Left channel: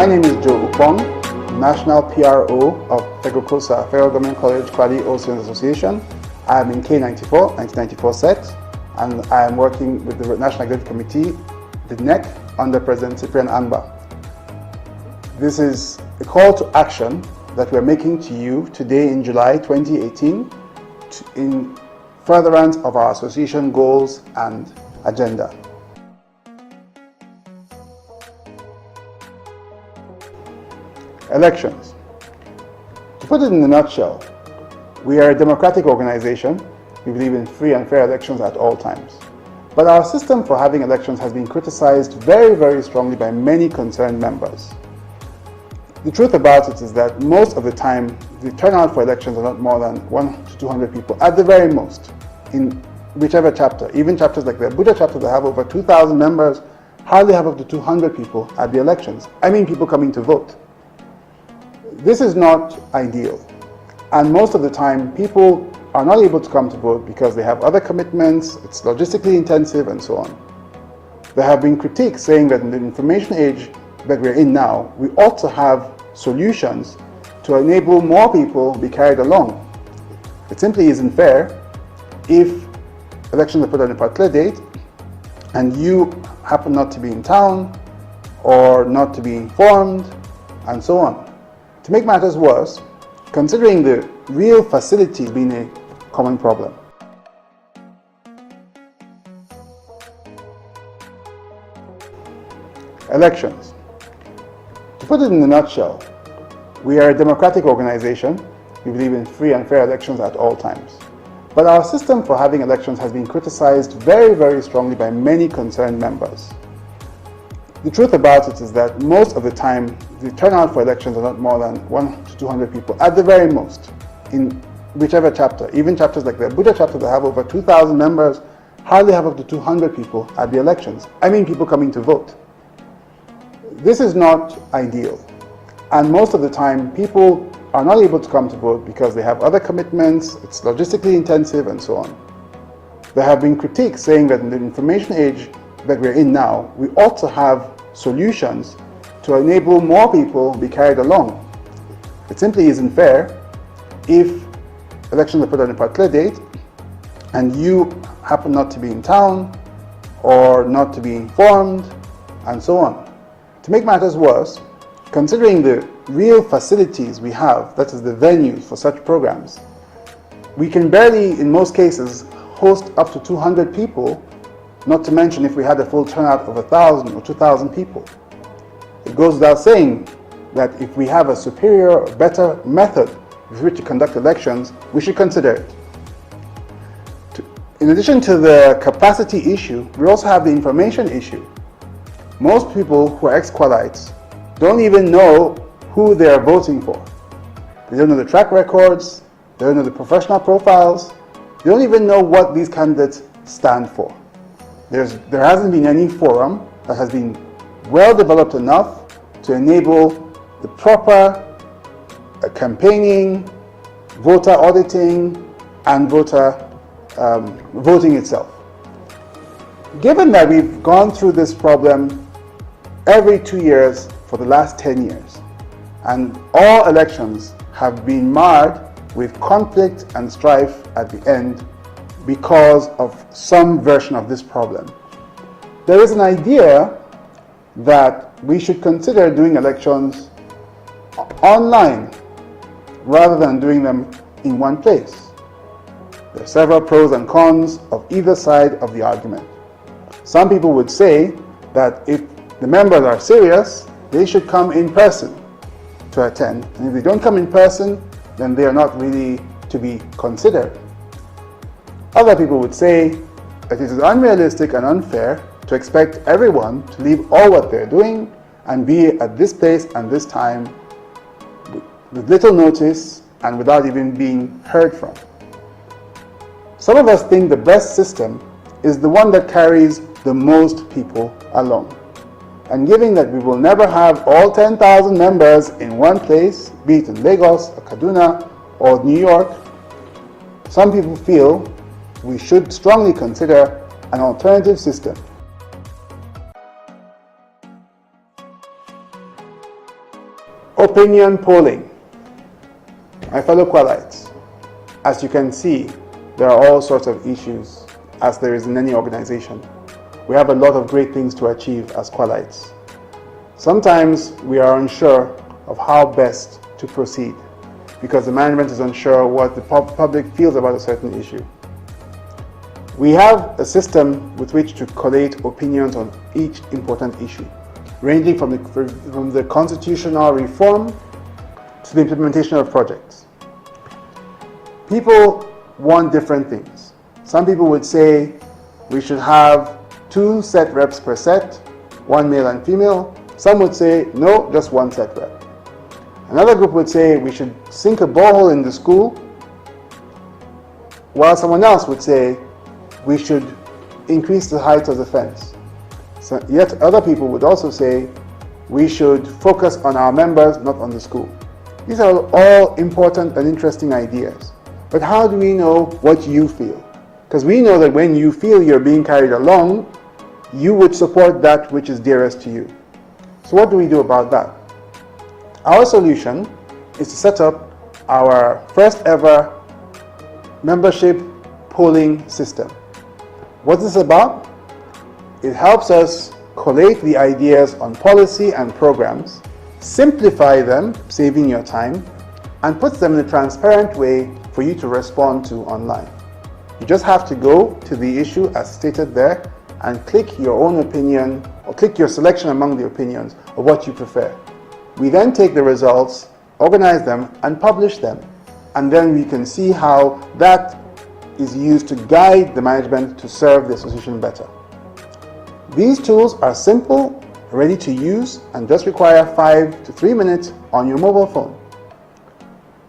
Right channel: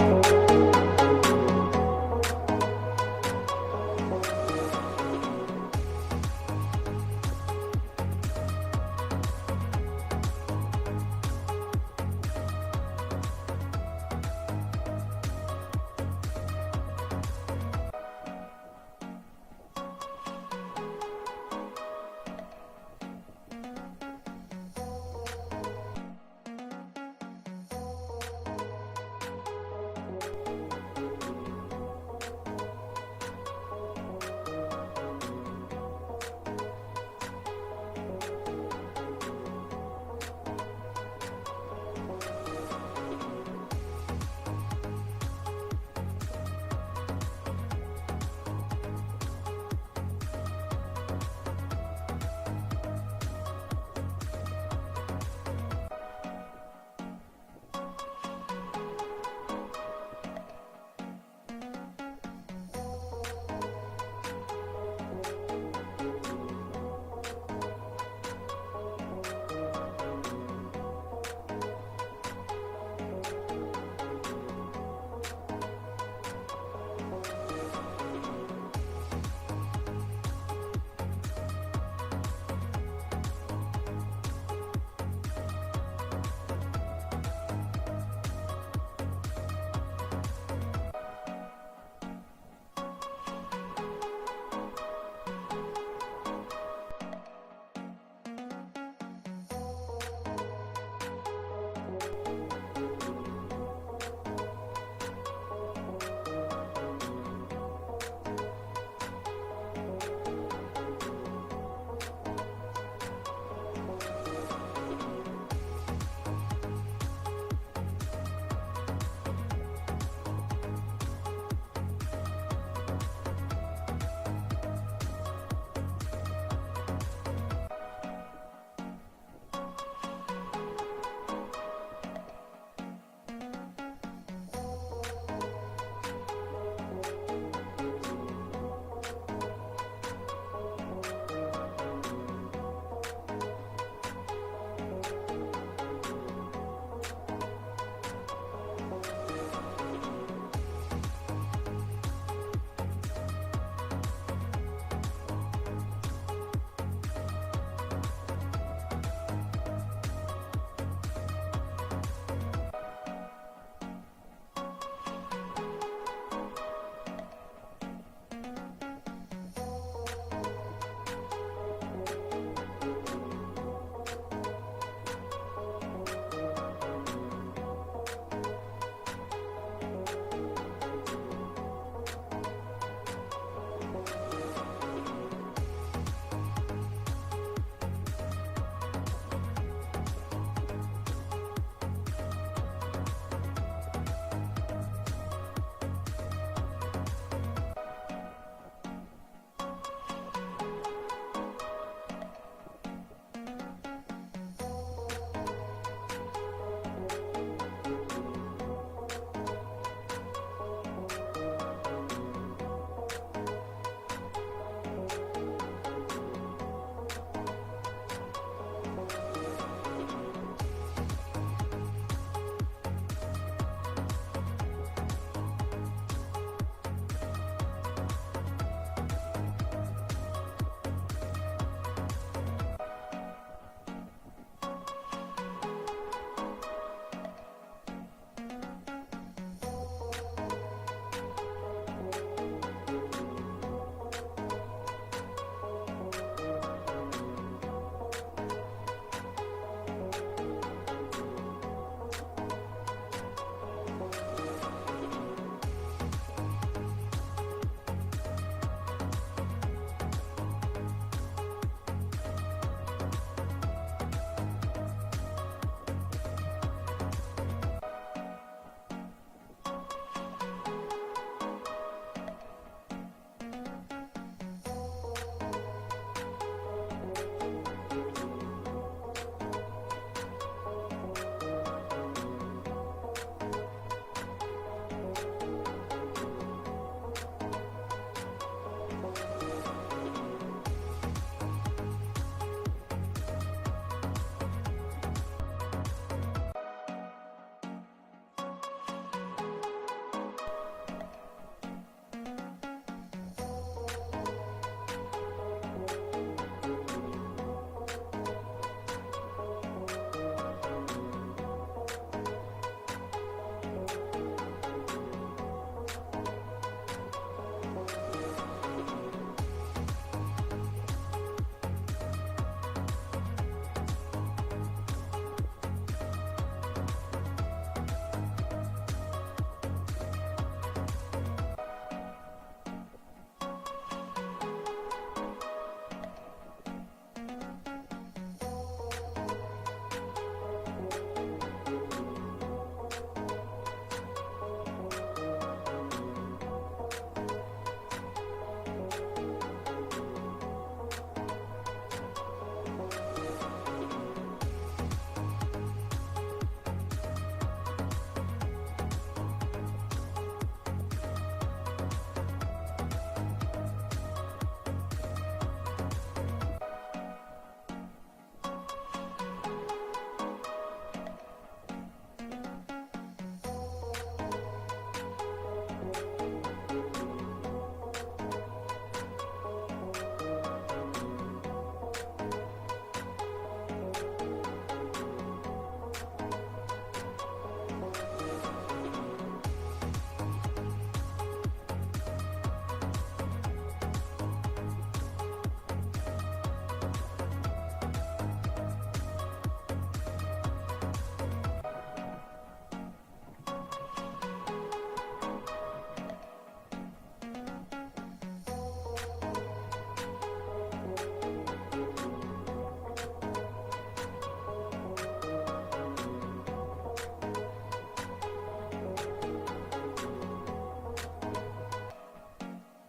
My name is Joe Upong, National PRO of Egokosa Federal Government College Kwali Oceans Association. I am in K94, 1994 set, and I am working with the National Executive Committee, the NEC, under President Cyprian Amba. This is a call to action that we are making to you today in July 2018 in furtherance of our association goals and agenda. Elections. To put it in a nutshell, we are a democratic organization. We believe in free and fair elections at all times. But our system for having elections has been criticized very, very strongly by many concerned members. The truth about it is that most of the time, the turnout for elections are not more than 100 to 200 people, at the very most, in whichever chapter. Even chapters like the Abuja chapter that have over 2,000 members hardly have up to 200 people at the elections. I mean people coming to vote. This is not ideal, and most of the time people are not able to come to vote because they have other commitments, it's logistically intensive, and so on. There have been critiques saying that in the information age that we're in now, we ought to have solutions to enable more people be carried along. It simply isn't fair if elections are put on a particular date and you happen not to be in town or not to be informed, and so on. To make matters worse, considering the real facilities being a common problem, elections. To put it in a nutshell, we are a democratic organization. We believe in free and fair elections at all times. But our system for having elections has been criticized very, very strongly by many concerned members. The truth about it is that most of the time, the turnout for elections are not more than 100 to 200 people, at the very most, in whichever chapter. Even chapters like the Abuja chapter that have over 2,000 members hardly have up to 200 people at the elections. I mean people coming to vote. This is not ideal, and most of the time people are not able to come to vote because they have other commitments, it's logistically intensive, and so on. There have been critiques saying that in the information age that we're in now, we ought to have solutions to enable more people be carried along. It simply isn't fair if elections are put on a particular date and you happen not to be in town or not to be informed, and so on. To make matters worse, considering the real facilities we have, that is the venues for such programs, we can barely, in most cases, host up to 200 people, not to mention if we had a full turnout of 1,000 or 2,000 people. It goes without saying that if we have a superior or better method with which to conduct elections, we should consider it. In addition to the capacity issue, we also have the information issue. Most people who are ex-Kwalites don't even know who they are voting for. They don't know the track records, they don't know the professional profiles, they don't even know what these candidates stand for. There hasn't been any forum that has been well developed enough to enable the proper campaigning, voter auditing, and voter voting itself. Given that we've gone through this problem every 2 years for the last 10 years, and all elections have been marred with conflict and strife at the end because of some version of this problem, there is an idea that we should consider doing elections online rather than doing them in one place. There are several pros and cons of either side of the argument. Some people would say that if the members are serious, they should come in person to attend. And if they don't come in person, then they are not really to be considered. Other people would say that it is unrealistic and unfair to expect everyone to leave all what they're doing and be at this place and this time with little notice and without even being heard from. Some of us think the best system is the one that carries the most people along. And given that we will never have all 10,000 members in one place, be it in Lagos, or Kaduna, or New York, some people feel we should strongly consider an alternative system. Opinion polling. My fellow Kwalites, as you can see, there are all sorts of issues, as there is in any organization. We have a lot of great things to achieve as Kwalites. Sometimes we are unsure of how best to proceed because the management is unsure what the public feels about a certain issue. We have a system with which to collate opinions on each important issue, ranging from the constitutional reform to the implementation of projects. People want different things. Some people would say we should have 2 set reps per set, 1 male and female. Some would say no, just 1 set rep. Another group would say we should sink a borehole in the school, while someone else would say we should increase the height of the fence. So yet other people would also say we should focus on our members, not on the school. These are all important and interesting ideas. But how do we know what you feel? Because we know that when you feel you're being carried along, you would support that which is dearest to you. So what do we do about that? Our solution is to set up our first ever membership polling system. What is this about? It helps us collate the ideas on policy and programs, simplify them, saving your time, and puts them in a transparent way for you to respond to online. You just have to go to the issue as stated there and click your own opinion or click your selection among the opinions of what you prefer. We then take the results, organize them, and publish them. And then we can see how that is used to guide the management to serve the association better. These tools are simple, ready to use, and just require 5 to 3 minutes on your mobile phone.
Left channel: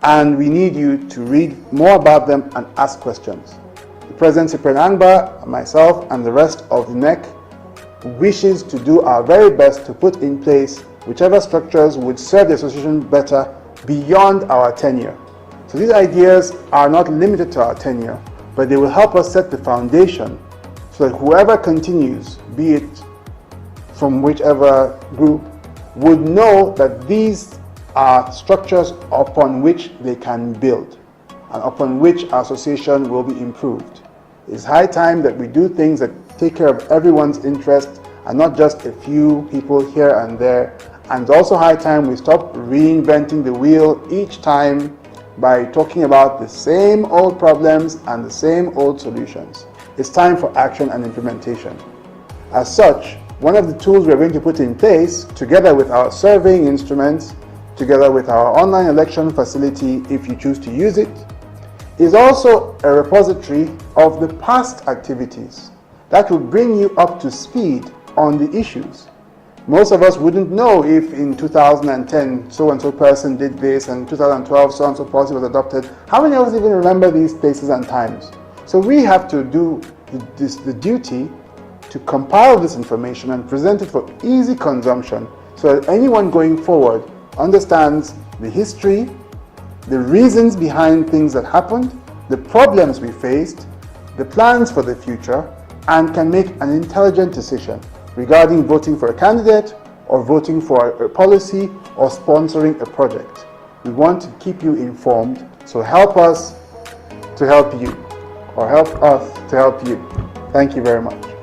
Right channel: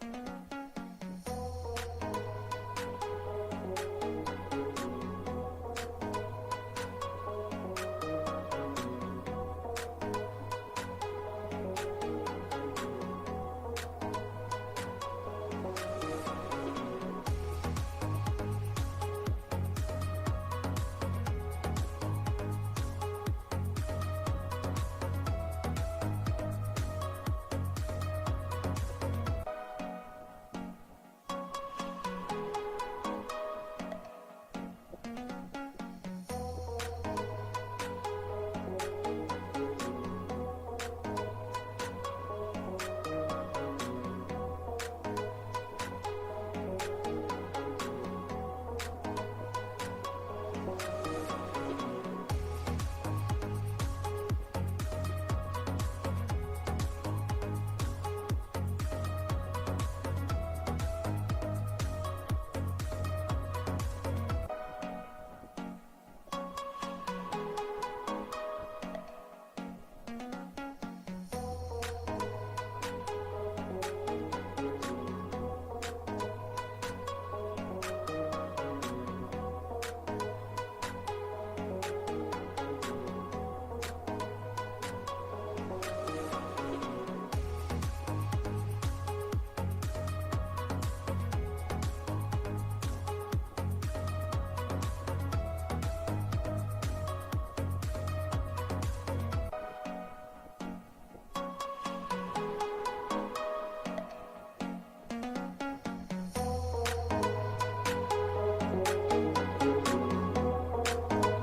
And we need you to read more about them and ask questions. President Cyprian Angba, myself, and the rest of the NEC wishes to do our very best to put in place whichever structures would serve the association better beyond our tenure. So these ideas are not limited to our tenure, but they will help us set the foundation so that whoever continues, be it from whichever group, would know that these are structures upon which they can build and upon which our association will be improved. It's high time that we do things that take care of everyone's interest and not just a few people here and there. And it's also high time we stop reinventing the wheel each time by talking about the same old problems and the same old solutions. It's time for action and implementation. As such, one of the tools we're going to put in place, together with our surveying instruments, together with our online election facility, if you choose to use it, is also a repository of the past activities that will bring you up to speed on the issues. Most of us wouldn't know if in 2010 so-and-so person did this and 2012 so-and-so policy was adopted. How many of us even remember these places and times? So we have to do the duty to compile this information and present it for easy consumption so that anyone going forward understands the history, the reasons behind things that happened, the problems we faced, the plans for the future, and can make an intelligent decision regarding voting for a candidate or voting for a policy or sponsoring a project. We want to keep you informed, so help us to help you, or help us to help you. Thank you very much.